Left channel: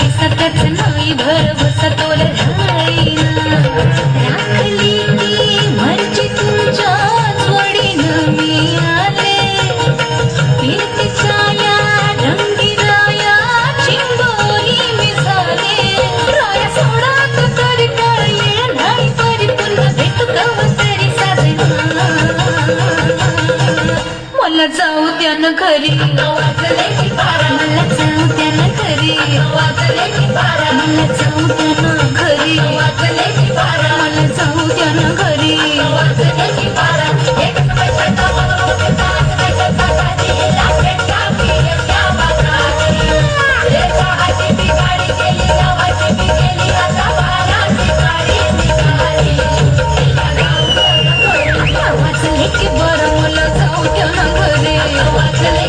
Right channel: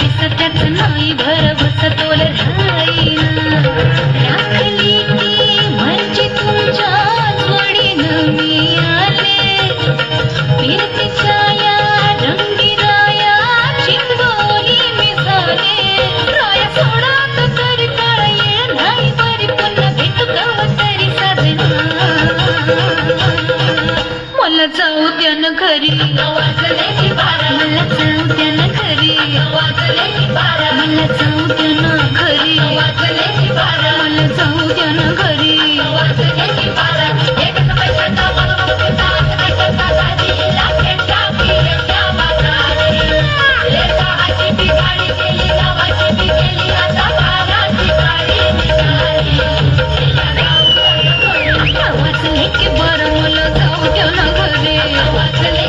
किसकच नाही भर बसतोल राईना राखली ती म्हणजे तुमच्याच वडील मी आले कीर्तीच्या या रंगीराया चिंबोरी मी झाले राया सोडात तर काळ येळ नाही परी पुन्हा भेटू कवतरी साजना मला जाऊ द्या न घरी वाजले मला जाऊ द्या न घरी वाजले मला जाऊ द्या न घरी वाजले मला जाऊ द्या न घरी वाजले एक पैसा वाचले की बरं मला जाऊ द्या न घरी वाचले